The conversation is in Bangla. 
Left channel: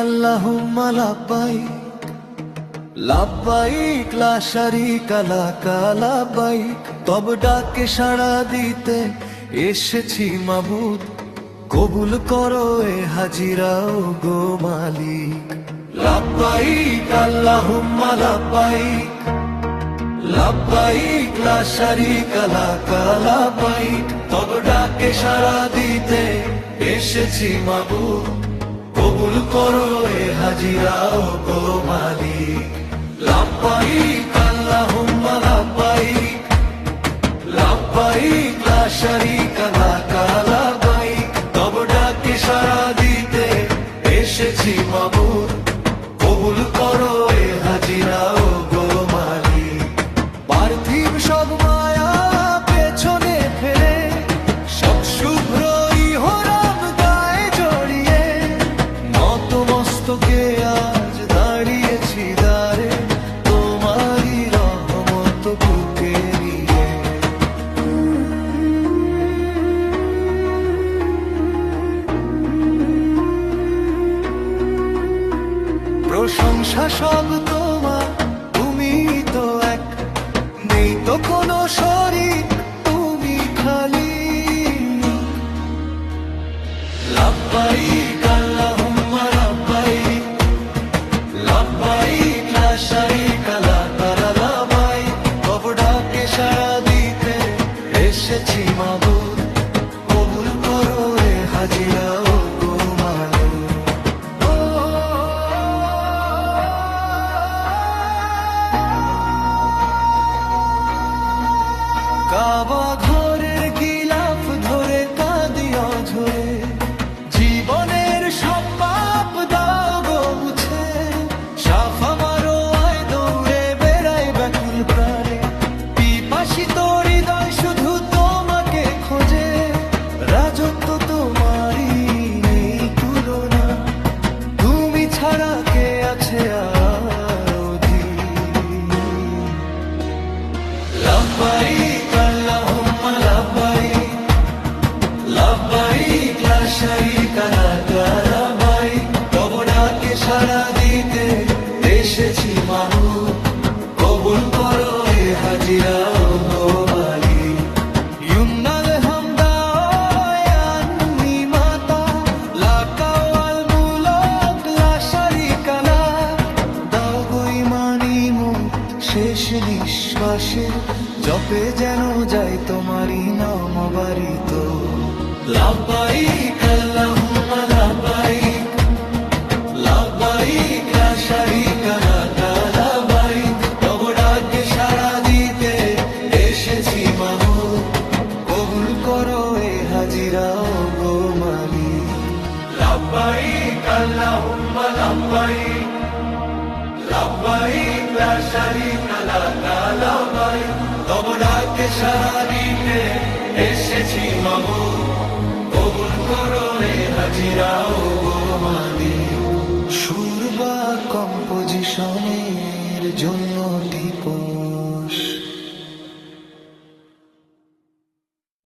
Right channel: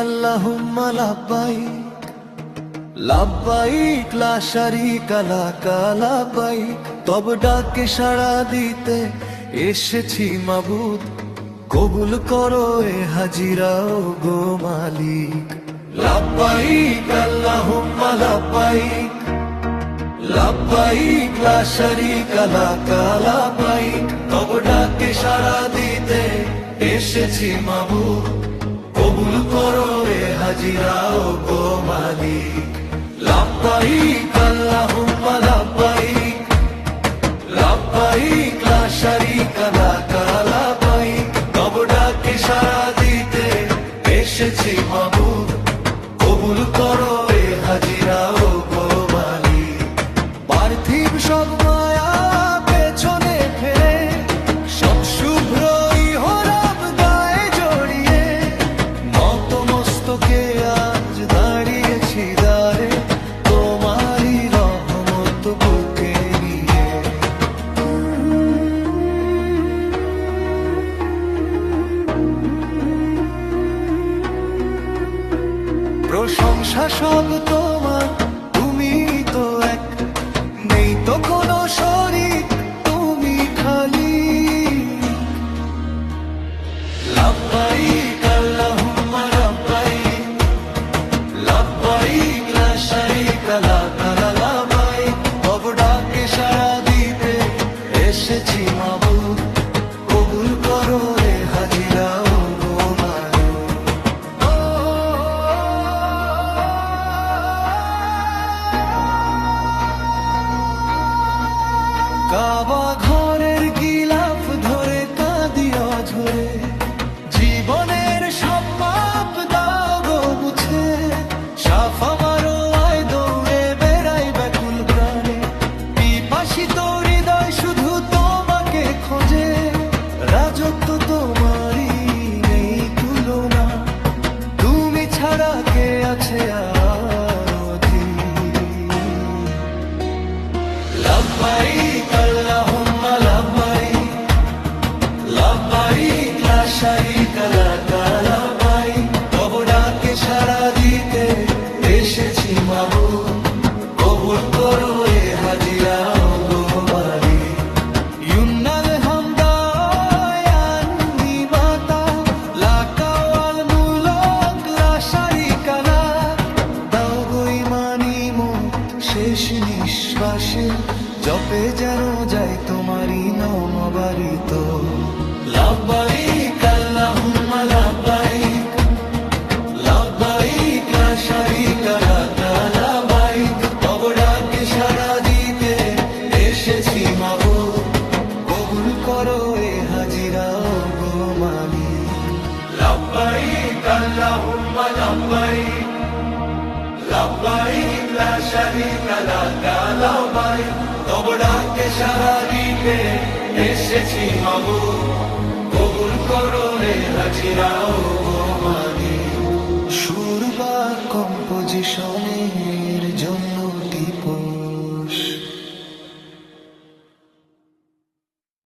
আল্লাহুম্মা লাব্বাইক লাব্বাইক লা শারীকা লাকা লাব্বাইক। তব ডাকে সাড়া দিতে এসেছি মাবুদ, কবুল করো এ হাজিরা ও গো মালিক। লাব্বাইক আল্লাহুম্মা লাব্বাইক লাব্বাইক লা শারীকা লাকা লাব্বাইক। তব ডাকে সাড়া দিতে এসেছি মাবুদ, কবুল করো এ হাজিরা ও গো মালিক। লাব্বাইক আল্লাহুম্মা লাব্বাইক লাব্বাইক লা শারীকা লাকা লাব্বাইক। তব ডাকে সাড়া দিতে এসেছি মাবুদ, কবুল করো এ হাজিরা ও গো মালিক। পার্থিব সব মায়া পেছনে ফেলে, সব শুভ্র ইহরাম গায়ে জড়িয়ে, নত মস্তকে আজ দাঁড়িয়েছি দ্বারে, তোমারই রহমত বুকে নিয়ে। প্রশংসা সব তোমার, তুমি তো এক, নেই তো কোনো শরীক, তুমি খালি। লাব্বাইক আল্লাহুম্মা লাব্বাইক লাব্বাইক লা শারীকা লাকা লাব্বাইক। তব ডাকে সাড়া দিতে এসেছি মাবুদ, কবুল করো রে হাজিরা ও গো মালিক। কাবা ঘরের গিলাফ ধরে কাঁদি অঝরে, জীবনের সব পাপ দাও গো মুছে। সাফা মারো আয় দৌড়ে বেড়াই ব্যাকুল প্রাণে, পিপাসিত হৃদয় শুধু তোমাকে খোঁজে। রাজত্ব তোমারই নেই তুলনা, তুমি ছাড়া কে আছে আর অধীন। লাব্বাইক আল্লাহুম্মা লাব্বাইক লাব্বাইক লা শারীকা লাকা লাব্বাইক। তব ডাকে সাড়া দিতে এসেছি মাবুদ, কবুল করো এ হাজিরা ও গো মালিক। ইউনাল হামদা আননি মাতা লাকা ওয়াল মুলক লা শারীকা লাক। দাও গো ঈমানি মুখ শেষ নিঃশ্বাসে, জপে যেন যাই তোমারই নাম বারিত। লাব্বাইক আল্লাহুম্মা লাব্বাইক লাব্বাইক লা শারীকা লাকা লাব্বাইক। তব ডাকে সাড়া দিতে এসেছি মাবুদ, কবুল করো এ হাজিরা ও গো মালিক। লাব্বাইক আল্লাহুম্মা লাব্বাইক লাব্বাইক লা শারীকা লাকা লাব্বাইক। তব ডাকে সাড়া দিতে এসেছি মাবুদ, কবুল করো এ হাজিরা ও গো মালিক। সুর বা কম্পোজিশনের জন্য টিপস।